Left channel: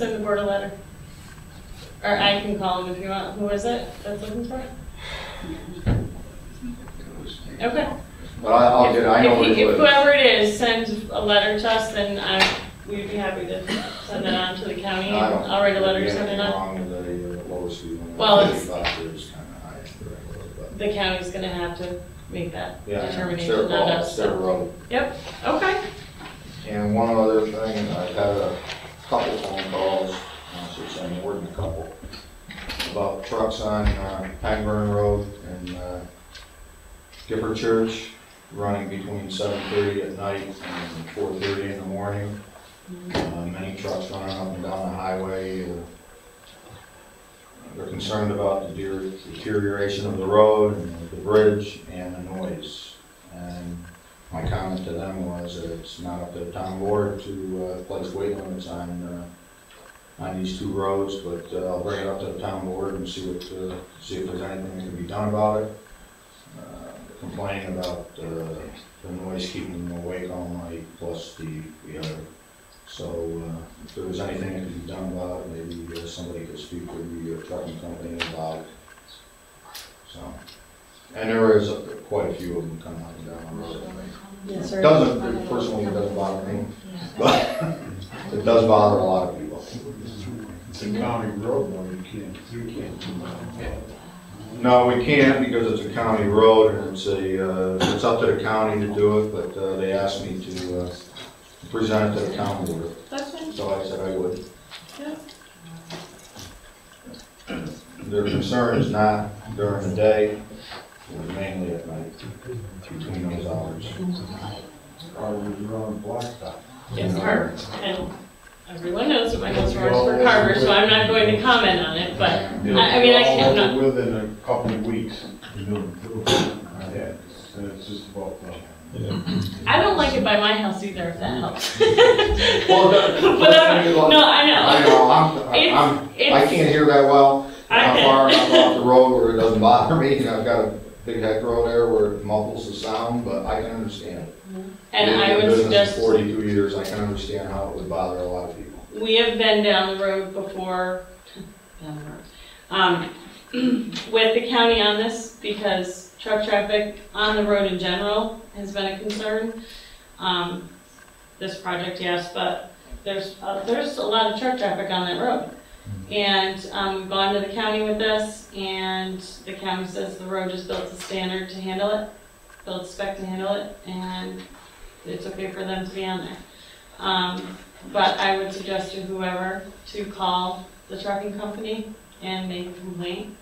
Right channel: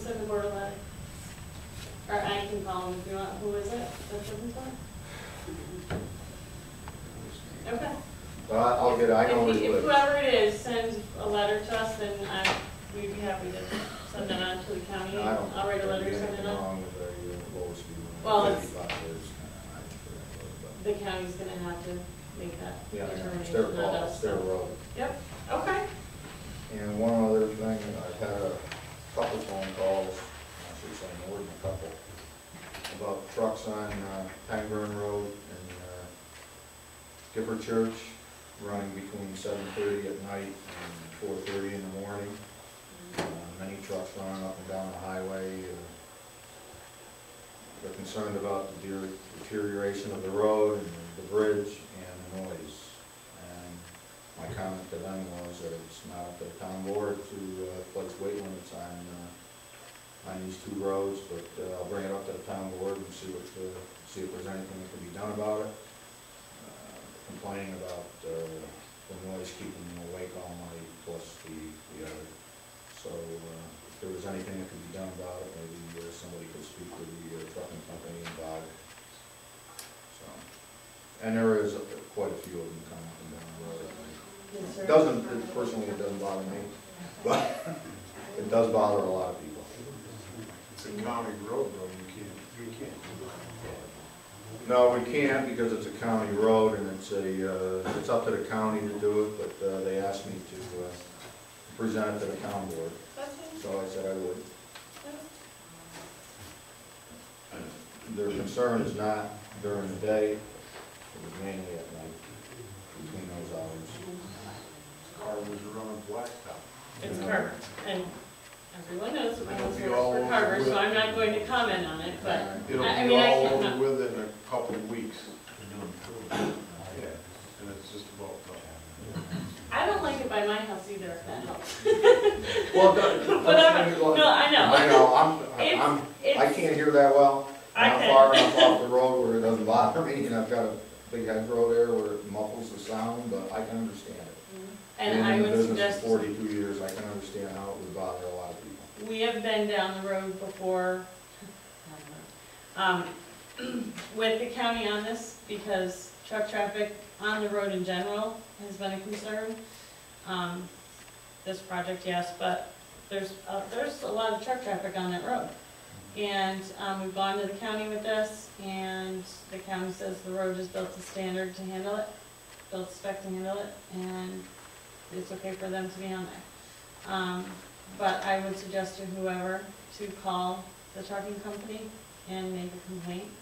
send the board a letter. Or I can call him if you want. Who is it that's looking for it? Okay. But I'll get, I know if it. Whoever it is sends a letter to us, then we'd be happy to send it on to the county. And I'll write a letter to send it on. Well, the county's going to have to make that determination. It's their road. Yep. Okay. And one other thing, I've had a couple phone calls, I should say more than a couple, about trucks on Pangburn Road and Gipper Church running between 7:30 at night and 4:30 in the morning. Many trucks running up and down the highway. They're concerned about the deterioration of the road and the bridge and the noise. And my comment to them was that it's not up to the town board to place weight limits on these two roads, but I'll bring it up to the town board and see if there's anything that can be done about it. Complaining about the noise keeping them awake all night, plus the other. So if there was anything that could be done about it, maybe somebody could speak with the trucking company about it. So, and there is quite a few of them coming up and down the road. Yes, It doesn't, personally, it doesn't bother me, but it does bother a lot of people. It's a county road, no, you can't. No, we can't because it's a county road and it's up to the county to do it, but they asked me to present it to the county board. That's fine. So I said I would. Yeah. Their concern is not during the day, but mainly at night, between those hours. Carvers are on blacktop. Yes, Carver. And everyone knows what my house works for Carver, so I'm not going to comment on it, but I mean, I can't. Within a couple of weeks. Yeah, and it's just about. I don't like it by my house either, if that helps. Well, no, I know. I can't hear that well. I'm far enough off the road where it doesn't bother me. You know, I've got a big heck road there where it muffles the sound, but I can understand it. And I would suggest 42 years, I can understand how it would bother a lot of people. we have been down the road before, with the county on this, because truck traffic on the road in general has been a concern. This project, yes, but there's a lot of truck traffic on that road. And we've gone to the county with this, and the county says the road is built to standard to handle it, built to spec to handle it, and it's okay for them to be on there. But I would suggest to whoever to call the trucking company and make a complaint,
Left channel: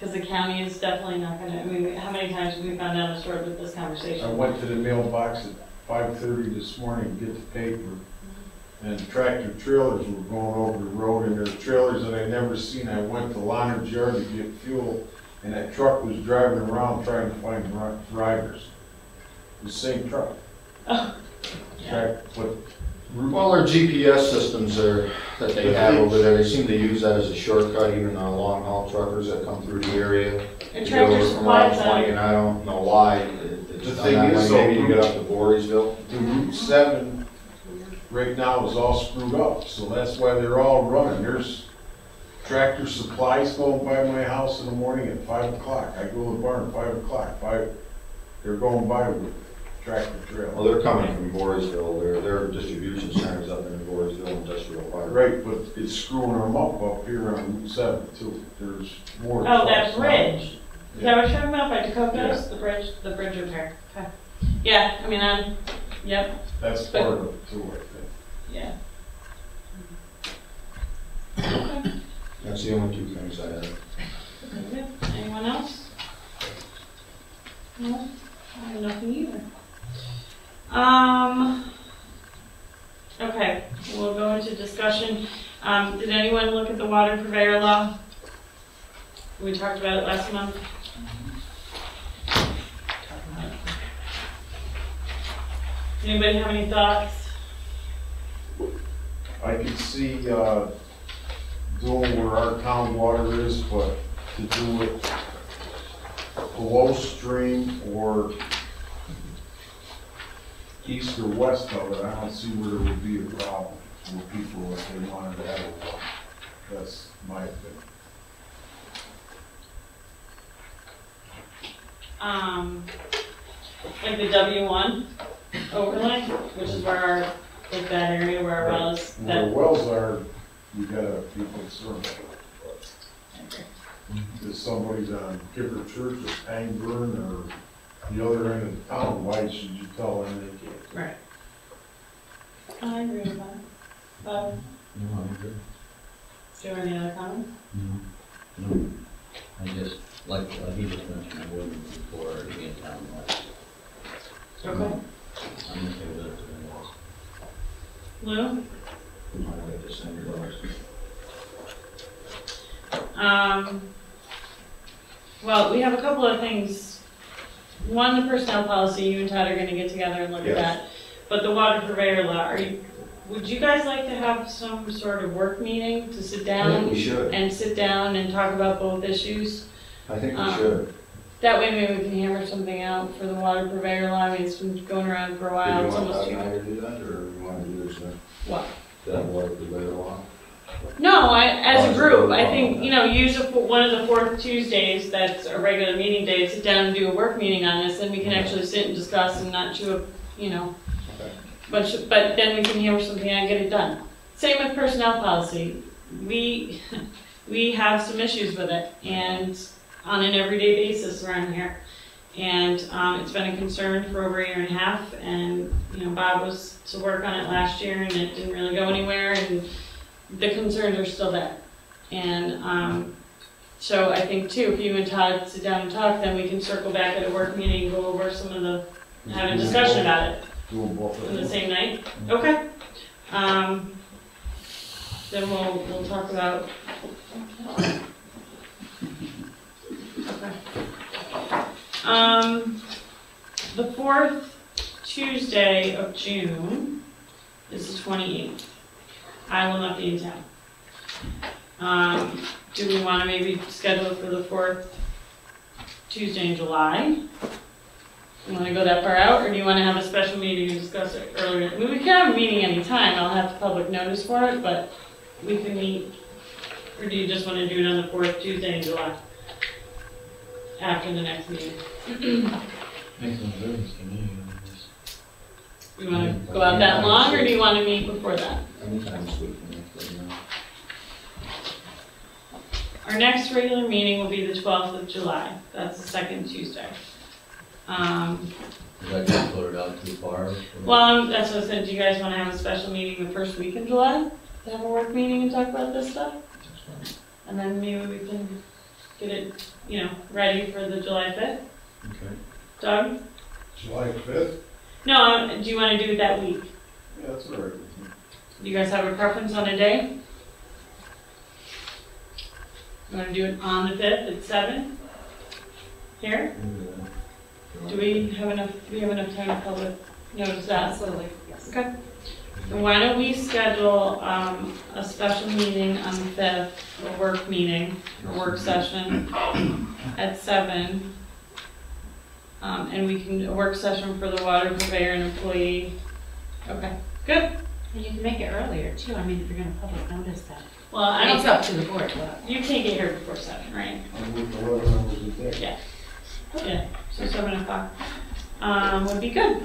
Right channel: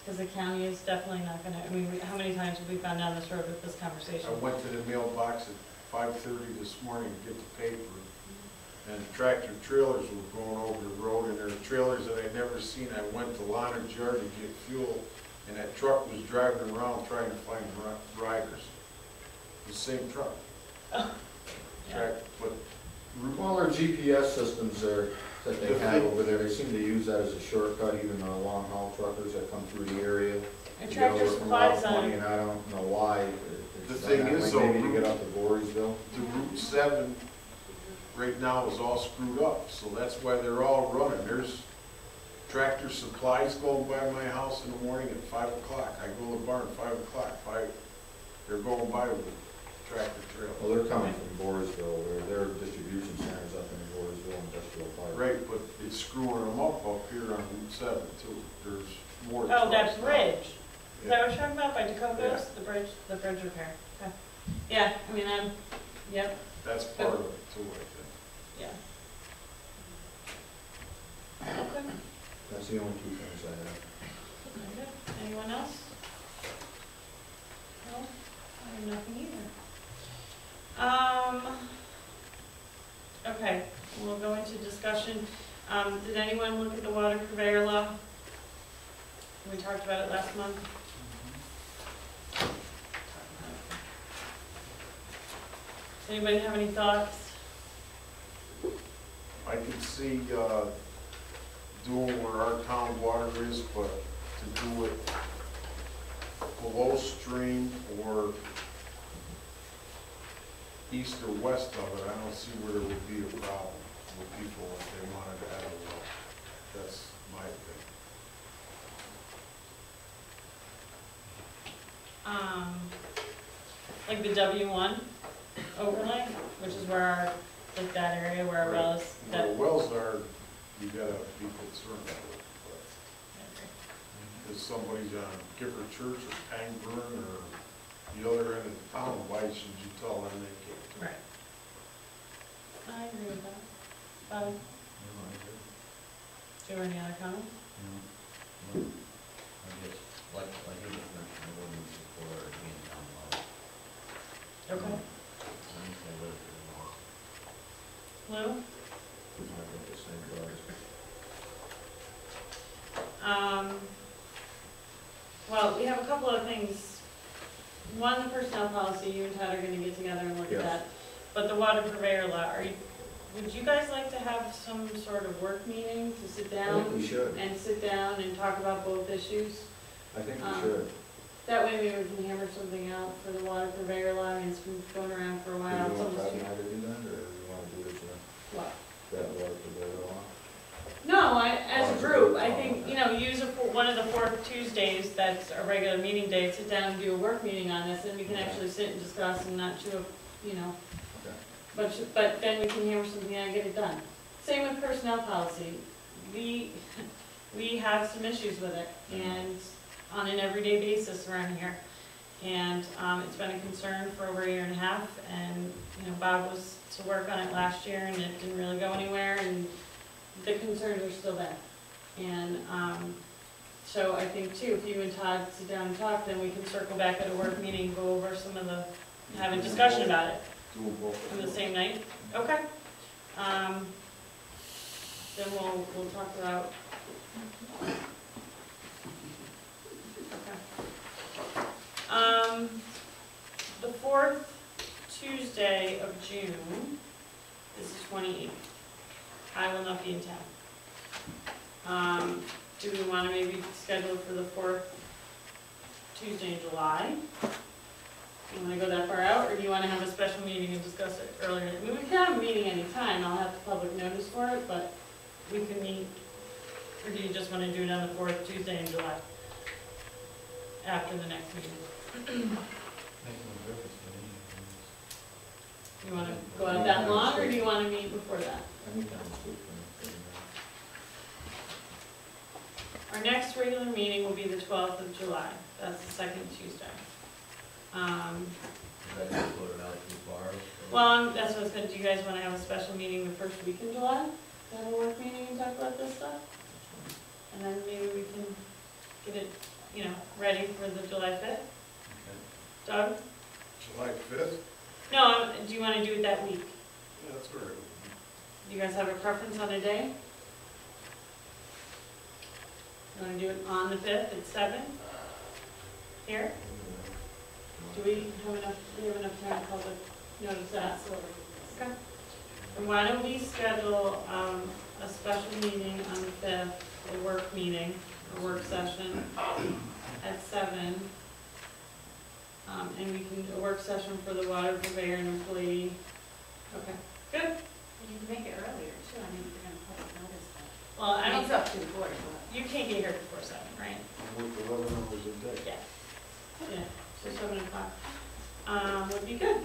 because the county is definitely not going to, I mean, how many times have we found out a story with this conversation? I went to the mailbox at 5:30 this morning to get the paper, and tractor trailers were going over the road, and there were trailers that I'd never seen. I went to Leonard's yard to get fuel, and that truck was driving around trying to find riders. The same truck. Oh. Yeah. Well, their GPS systems that they have over there, they seem to use that as a shortcut, even long haul truckers that come through the area. And Tractor Supply's out. And I don't know why. The thing is, maybe you get up to Voorheesville. The Route 7 right now is all screwed up, so that's why they're all running. There's Tractor Supplies going by my house in the morning at 5 o'clock. I go to the barn at 5 o'clock. They're going by with tractor trailer. Well, they're coming from Voorheesville. Their distribution centers up in Voorheesville Industrial Park. Right, but it's screwing them up here on Route 7 too. There's more. Oh, that bridge. Is that what you're talking about by Dakotas? Yeah. The bridge repair. Okay. Yeah, I mean, yep. That's part of it too, I think. Yeah. That's the only two things I have. Okay. Anyone else? No? I have nothing either. Okay, we'll go into discussion. Did anyone look at the water purveyor law? We talked about it last month. Anybody have any thoughts? I could see doing where our town water is, but to do it below stream or east or west of it, I don't see where there would be a problem with people if they wanted to have a well. That's my opinion. Like the W1 overlay, which is where our, like that area where our wells, Where that. the wells are, you gotta be concerned. If somebody's on Gifford Church or Angburn or the other end of town, why should you tell them they can't? Right. I agree with that. No, I agree. Do you have any other comments? No. I just, like, he just mentioned, I wouldn't before being town law. Okay. I'm okay with it. Lou? I guess $100. Well, we have a couple of things. One, the personnel policy, you and Todd are gonna get together and look at Yes. that. But the water purveyor law, would you guys like to have some sort of work meeting to sit I think down we should. and talk about both issues? I think we should. That way maybe we can hammer something out for the water purveyor law. I mean, it's been going around for a while. Do you It's want almost Todd and I to do that, or you want to do this, What? that water purveyor law? No, as a group, I think, use one of the fourth Tuesdays, that's a regular meeting day, sit down and do a work meeting on this, and we can actually sit and discuss and not chew up, Okay. but then we can hammer something out and get it done. Same with personnel policy. We have some issues with it, and on an everyday basis around here. And it's been a concern for over a year and a half, and, Bob was to work on it last year, and it didn't really go anywhere, and the concerns are still there. And so I think too, if you and Todd sit down and talk, then we can circle back at a work meeting, go over some of the, have a discussion about it Do them both. on the same night. Okay. Then we'll talk about. Okay. The fourth Tuesday of June is the 28th. I will not be in town. Do we want to maybe schedule it for the fourth Tuesday in July? You want to go that far out, or do you want to have a special meeting to discuss it earlier? I mean, we can have a meeting anytime, I'll have public notice for it, but we can meet, or do you just want to do it on the fourth Tuesday in July? After the next meeting? Makes no difference to me. You want to go out that long, or do you want to meet before that? Anytime's good for me. Our next regular meeting will be the 12th of July, that's the second Tuesday. Is that gonna put it out too far? Well, that's what I said, do you guys want to have a special meeting the first week in July? To have a work meeting and talk about this stuff? And then maybe we can get it, ready for the July 5th? Okay. Doug? July 5th? No, do you want to do it that week? Yeah, that's all right with me. Do you guys have a preference on a day? You want to do it on the 5th at 7? Here? Do we have enough time to public notice that? Absolutely, yes. Okay. Then why don't we schedule a special meeting on the 5th, a work meeting, a work session at 7. And we can, a work session for the water purveyor and employee. Okay, good. And you can make it earlier too, I mean, if you're gonna public notice that. Well, I It's don't, up to the board, but. you can't get here before 7, right? I'm with the weather numbers at that. Yeah. Yeah, so 7 o'clock. Would be good.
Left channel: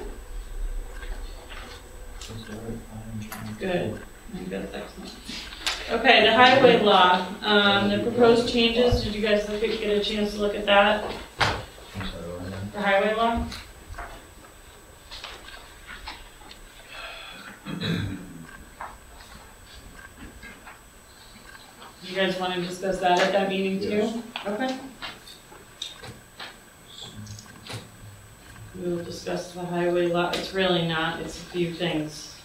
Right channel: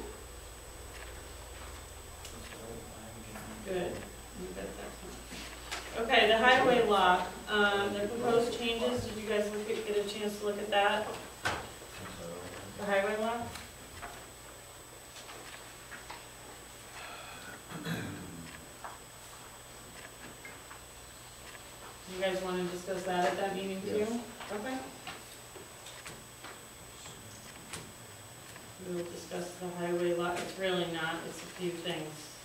Good. I think that's excellent. Okay, the highway law, the proposed changes, did you guys get a chance to look at that, the highway law? You guys want to discuss that at that meeting too? Yes. Okay. We will discuss the highway law, it's really not, it's a few things,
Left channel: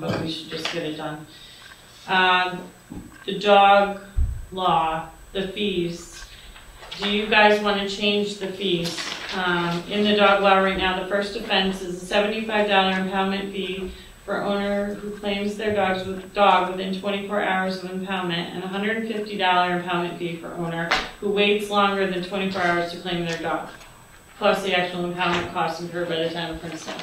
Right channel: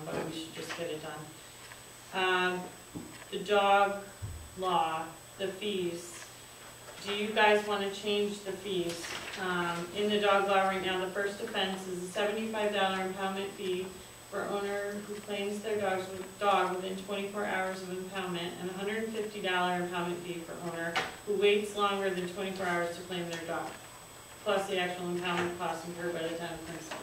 but we should just get it done. The dog law, the fees, do you guys want to change the fees? In the dog law right now, the first offense is a $75 impoundment fee for owner who claims their dog within 24 hours of impoundment, and a $150 impoundment fee for owner who waits longer than 24 hours to claim their dog, plus the actual impoundment costs incurred by the town of Princetown.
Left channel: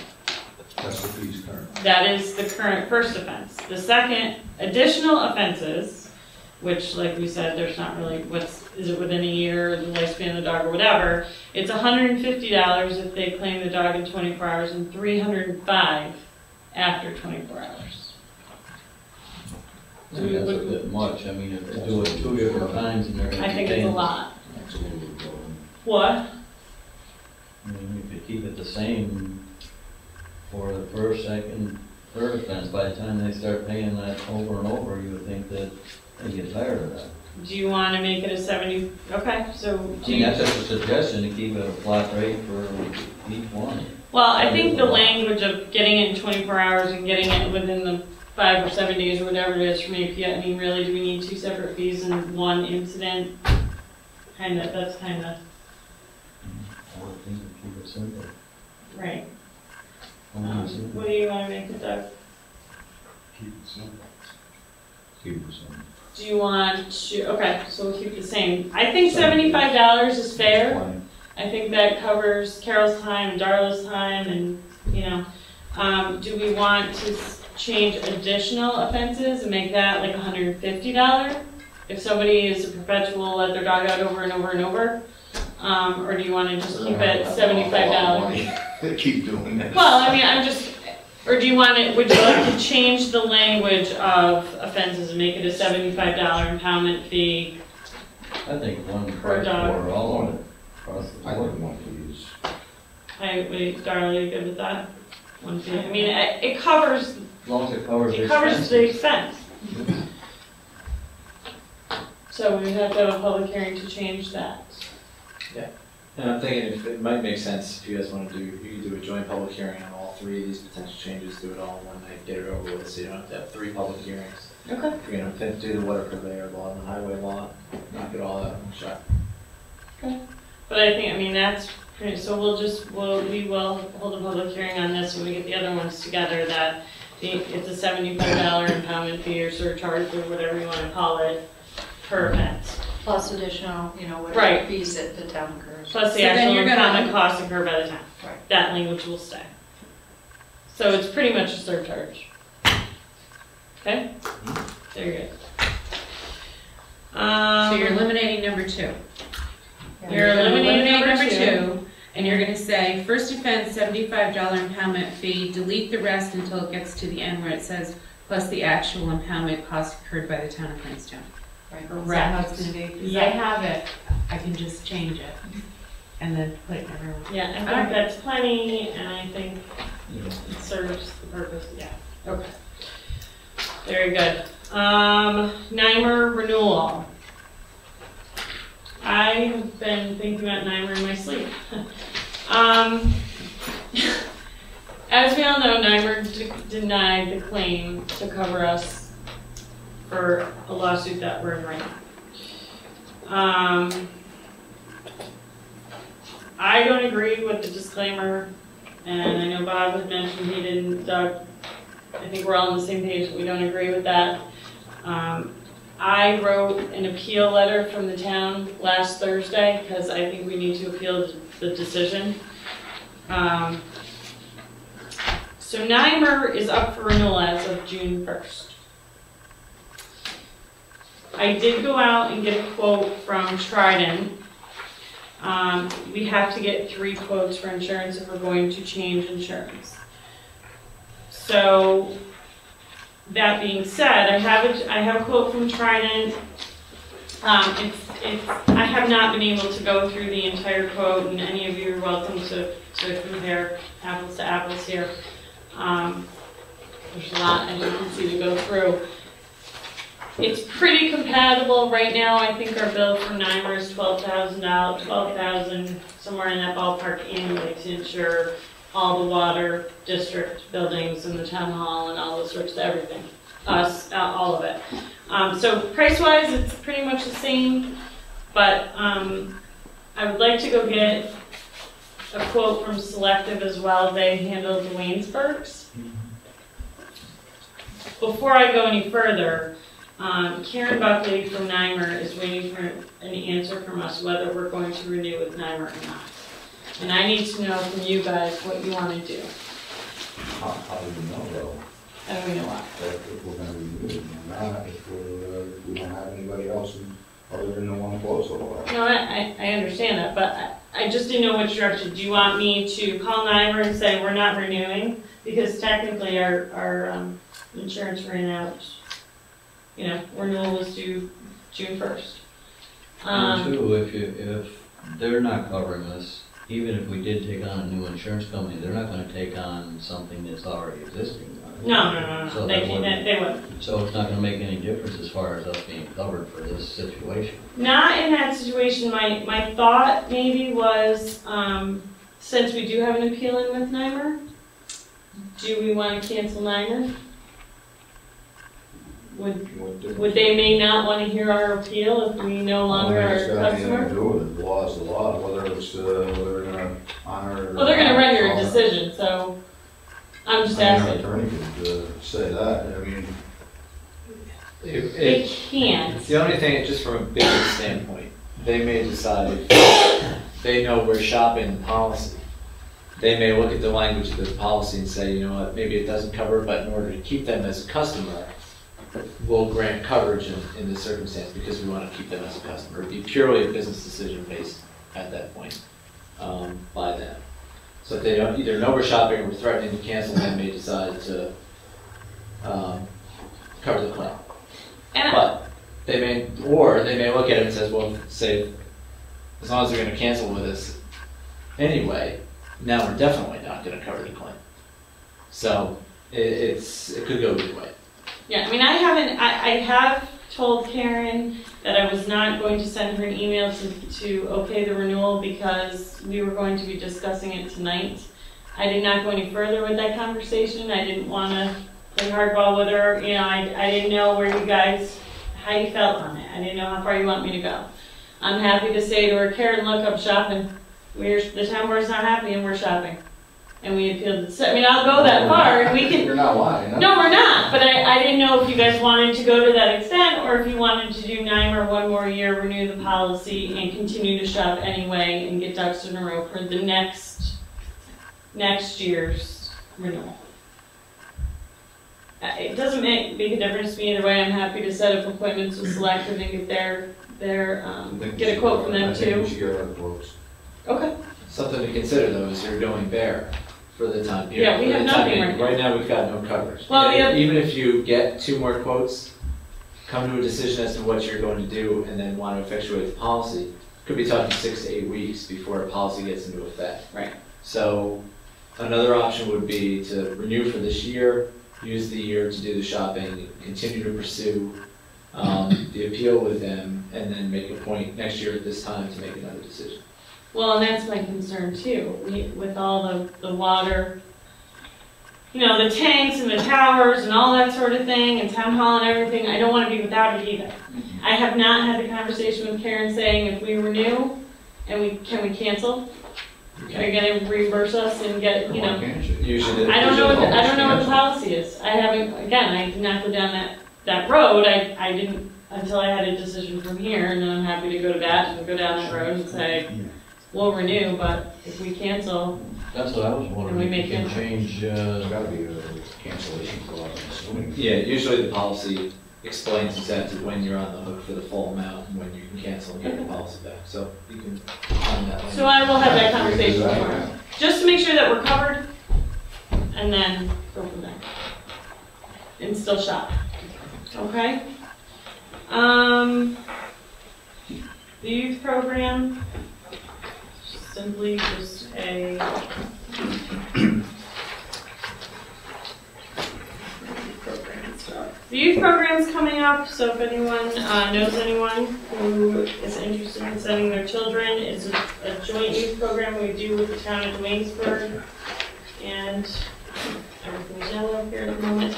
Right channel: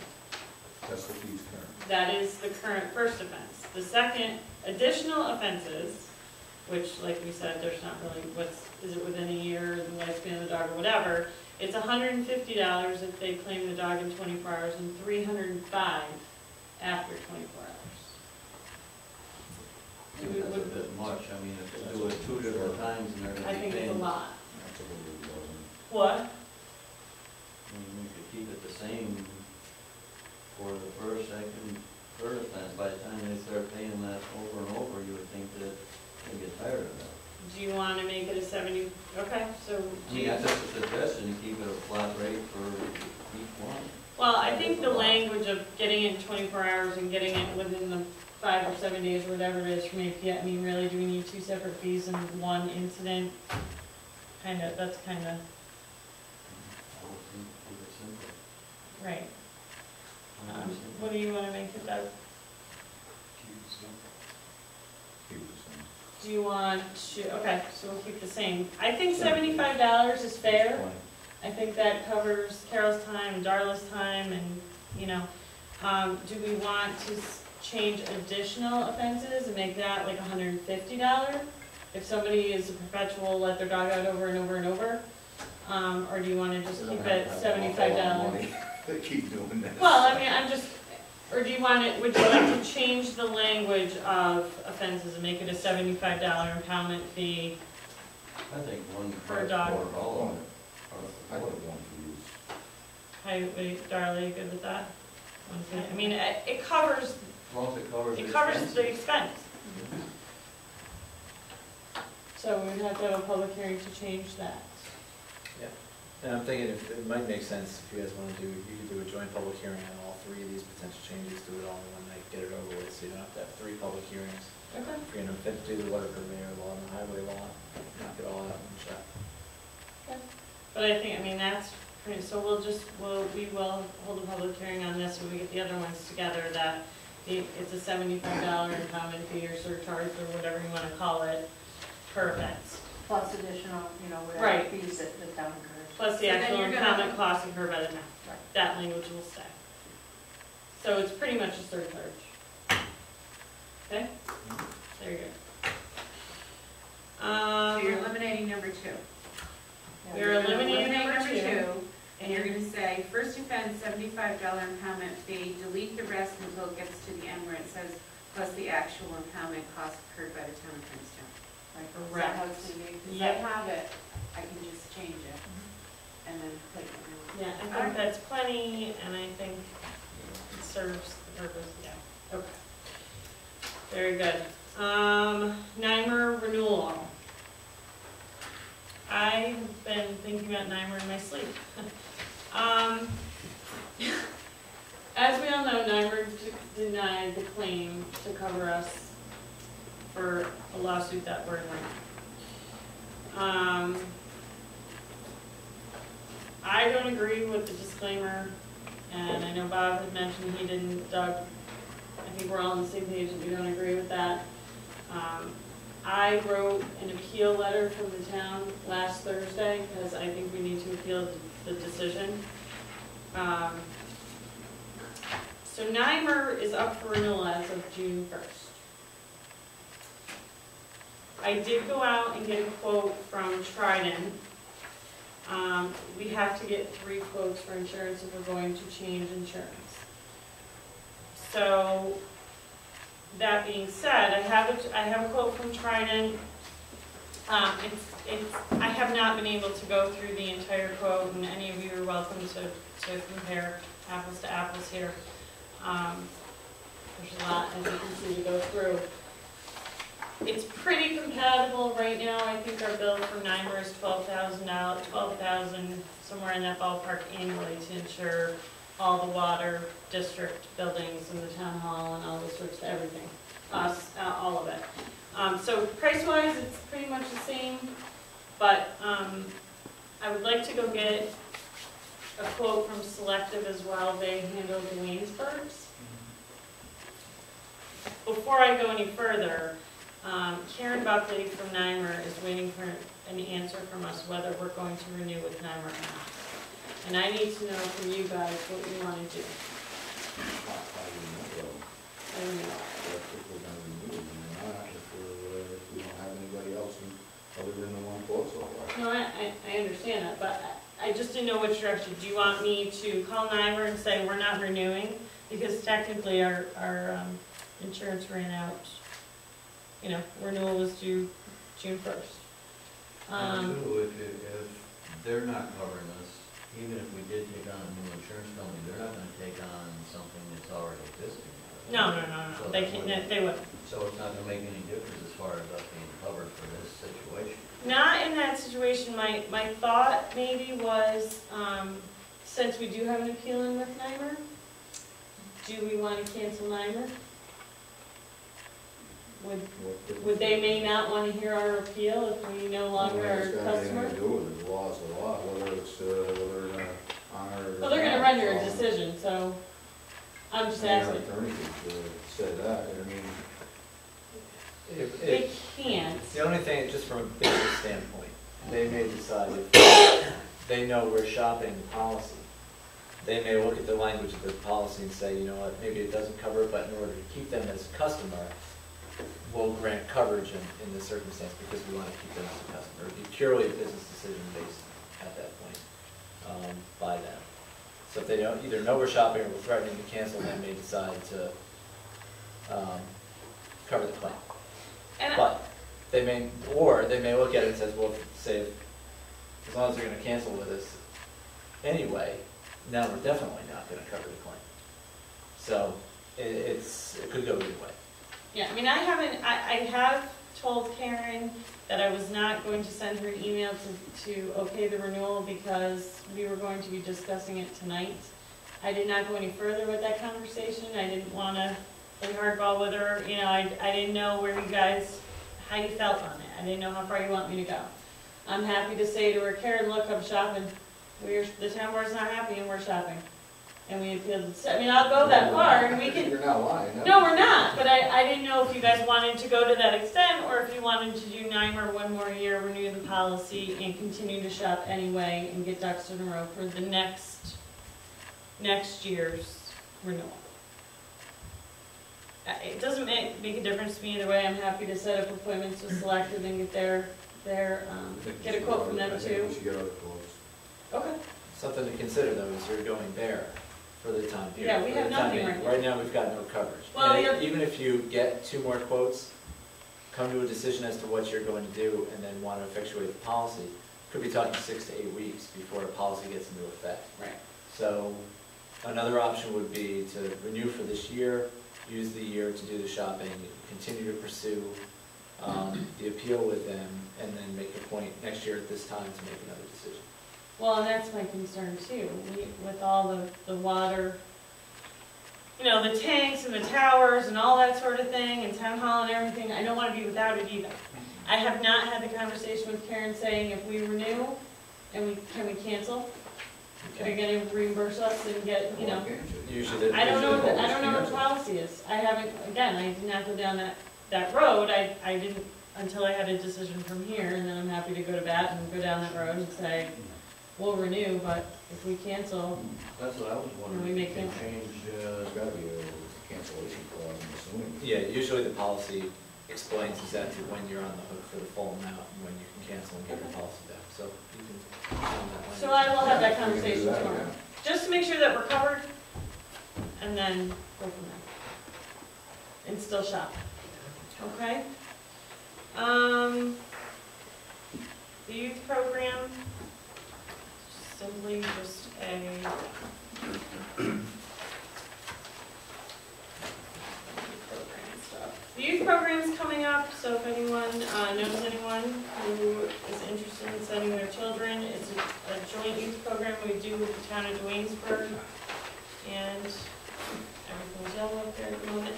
That's the fees current. That is the current first offense. The second, additional offenses which, like we said, there's not really, is it within a year, the lifespan of the dog, or whatever. It's $150 if they claim the dog in 24 hours, and $305 after 24 hours. I mean, that's a bit much, I mean, if they do it 2 different times and they're. I think it's a lot. That's a little bit low. What? I mean, if you keep it the same for the first, second, third offense, by the time they start paying that over and over, you would think that they get tired of that. Do you want to make it a 70? Okay, so I do mean, you? that's just a suggestion, to keep it a flat rate for each one. Well, I think the language of getting it in 24 hours and getting it within the 5 or 7 days, or whatever it is from API, I mean, really, do we need 2 separate fees and 1 incident? That's kind of, I would think keep it simple. right. Simple. What do you want to make it, Doug? Keep it simple. Keep it simple. Do you want to, okay, so we'll keep it the same. I think $75 is fair. I think that covers Carol's time and Darla's time and, you know. Do we want to change additional offenses and make that like $150? If somebody is a perpetual, let their dog out over and over and over? Or do you want to just keep it $75? Keep doing this. Well, I mean, or do you want it, would you like to change the language of offenses and make it a $75 impoundment fee? I think one Per price dog. for all of it. across the I board. think one of these. Wait, Darla, you good with that? One fee? I mean, it covers, As long as it covers the it covers the expenses. expense. So we have to have a public hearing to change that. And I'm thinking if it might make sense if you guys want to do, you could do a joint public hearing on all 3 of these potential changes, do it all in one night, get it over with, so you don't have to have 3 public hearings. Okay. You know, do the water there, the law, the highway law, knock it all out in one shot. But I think, I mean, that's pretty, so we will hold a public hearing on this when we get the other ones together, that it's a $75 impoundment fee or surcharge or whatever you want to call it per offense. Plus additional, Right. whatever fees that the town incurs. Plus the So then actual you're gonna- impoundment cost incurred by the town. Right. That language will stay. So it's pretty much a surcharge. Okay? Very good. So you're eliminating number 2. You're eliminating number number 2. 2, and you're gonna say, first offense, $75 impoundment fee, delete the rest until it gets to the end where it says, plus the actual impoundment cost incurred by the town of Princetown. Right. Is that how it's gonna be? 'Cause I Yeah. have it, I can just change it, and then put it everywhere. Yeah, I think Alright. that's plenty, and I think Yeah. it serves the purpose, yeah. Okay. Very good. NYMER renewal. I've been thinking about NYMER in my sleep. As we all know, NYMER denied the claim to cover us for a lawsuit that we're in right now. I don't agree with the disclaimer, and I know Bob had mentioned he didn't, Doug, I think we're all on the same page that we don't agree with that. I wrote an appeal letter from the town last Thursday, because I think we need to appeal the decision. So NYMER is up for renewal as of June 1st. I did go out and get a quote from Trident. We have to get 3 quotes for insurance if we're going to change insurance. So, that being said, I have a quote from Trident. I have not been able to go through the entire quote, and any of you are welcome to compare apples to apples here. There's a lot, as you can see, to go through. It's pretty compatible right now. I think our bill from NYMER is $12,000, $12,000, somewhere in that ballpark annually to insure all the water district buildings and the town hall and all those sorts of everything. All of it. So price-wise, it's pretty much the same, but I would like to go get a quote from Selective as well. They handle the Waynesburgs. Before I go any further, Karen Buckley from NYMER is waiting for an answer from us whether we're going to renew with NYMER or not. And I need to know from you guys what you want to do. How do we know though? I don't know why. If we're gonna remove it or not, if we don't have anybody I just didn't know which direction. Do you want me to call Niver and say we're not renewing? Because technically our insurance ran out, you know, renewal was due June 1st. Too, if they're not covering this, even if we did take on a new insurance company, they're not gonna take on something that's already existing. No, So they that wouldn't- they wouldn't. So it's not gonna make any difference as far as us being covered for this situation. Not in that situation. My thought maybe was, since we do have an appeal in with Nimer, do we want to cancel Nimer? Would they may not want to hear our appeal if we no longer are a customer? The law's the law, whether it's, they're gonna honor. Well, they're gonna render a decision, so I'm just asking. Attorney could say that, I mean, They can't. The only thing, just from a business standpoint, they may decide, if they know we're shopping policy, they may look at the language of the policy and say, you know what, maybe it doesn't cover, but in order to keep them as a customer, we'll grant coverage in this circumstance because we want to keep them as a customer. It'd be purely a business decision based at that point by them. So if they don't either know we're shopping or we're threatening to cancel, they may decide to cover the claim. And But they may look at it and says, well, say, as long as they're going to cancel with us anyway, now we're definitely not going to cover the claim. So it could go either way. yeah, I mean, I have told Karen that I was not going to send her an email to okay the renewal because we were going to be discussing it tonight. I did not go any further with that conversation. I didn't want to play hardball with her. You know, I didn't know where you guys, how you felt on it. I didn't know how far you want me to go. I'm happy to say to her, Karen, look, I'm shopping. The town board's not happy and we're shopping. And we appealed the, I mean, I'll go that far and we can. you're not lying, huh? No, we're not, but I didn't know if you guys wanted to go to that extent, or if you wanted to do Nimer one more year, renew the policy, and continue to shop anyway, and get ducks in a row for the next year's renewal. It doesn't make a difference to me either way. I'm happy to set up appointments with Selective and get get a quote from them I think we too. should get our quotes. Okay. Something to consider though is you're going bare for the time period. Yeah, we For have the time nothing being. right now. Right now, we've got no coverage. Well, And yeah. even if you get 2 more quotes, come to a decision as to what you're going to do, and then want to effectuate the policy, could be talking 6 to 8 weeks before a policy gets into effect. Right. So another option would be to renew for this year, use the year to do the shopping, continue to pursue the appeal with them, and then make a point next year at this time to make another decision. Well, and that's my concern too, with all the water, you know, the tanks and the towers and all that sort of thing, and town hall and everything, I don't wanna be without it either. I have not had the conversation with Karen saying if we renew, and can we cancel? Are you gonna reimburse us and get, you know? Why can't you? Usually, I don't know what the policy is. I haven't, again, I did not go down that road, I didn't, until I had a decision from here, and then I'm happy to go to bat and go down that road and say, we'll renew, but if we cancel, That's what I was Can we wondering, make if you can it- change, There's gotta be a cancellation clause, I'm assuming. Yeah, usually the policy explains exactly when you're on the hook for the full amount and when you can cancel and get the policy back, so you can find that. so I will have that conversation tomorrow. Just to make sure that we're covered, and then go from there. And still shop. Okay? The youth program, simply just a the youth program's coming up, so if anyone knows anyone who is interested in sending their children, it's a joint youth program we do with the town of Waynesburg, and everything's yellow here at the moment.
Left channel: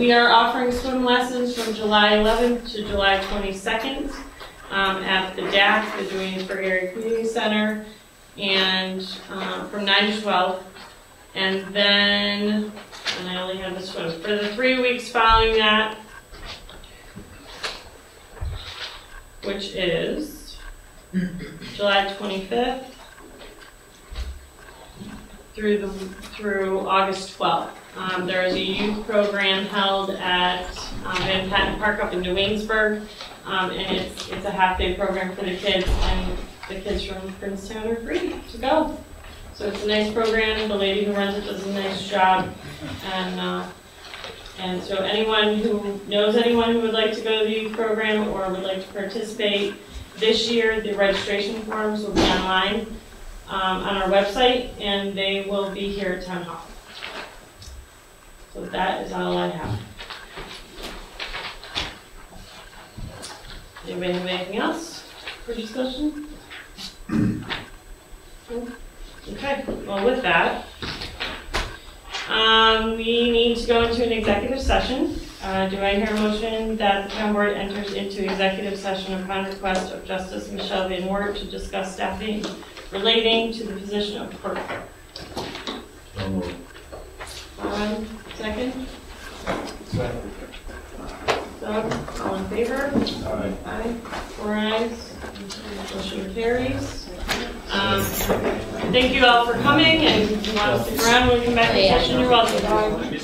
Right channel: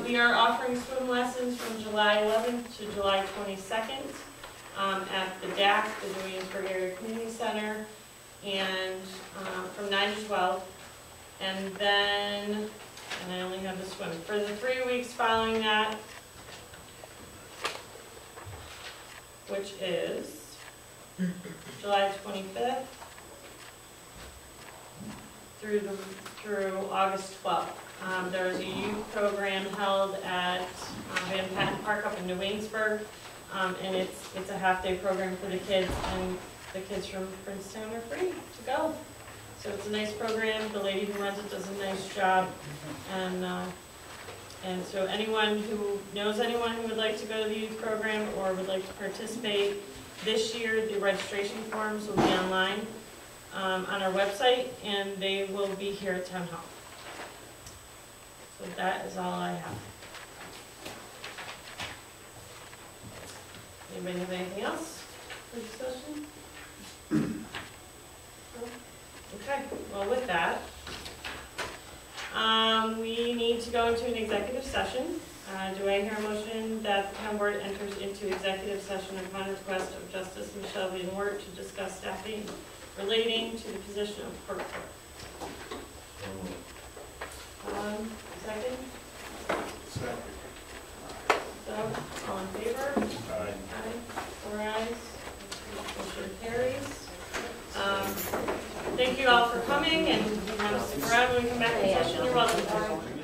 We are offering swim lessons from July 11th to July 22nd at the DAC, the Waynesburg Area Community Center, and from 9 to 12. And then, and I only have this one, for the 3 weeks following that, which is July 25th through August 12th. There is a youth program held at Van Patten Park up in New Waynesburg, and it's a half-day program for the kids, and the kids from Princetown are free to go. So it's a nice program, the lady who runs it does a nice job, and so anyone who knows anyone who would like to go to the youth program or would like to participate, this year the registration forms will be online on our website, and they will be here at Town Hall. So that is all I have. Anybody have anything else for discussion? Okay, well with that, we need to go into an executive session. Do I hear a motion that the town board enters into executive session upon request of Justice Michelle Van Wert to discuss staffing relating to the position of clerk? Second? Doug, all in favor? Aye. 4 ayes. Motion carries. Thank you all for coming, and if you want to stick around when we come back to session, you're welcome.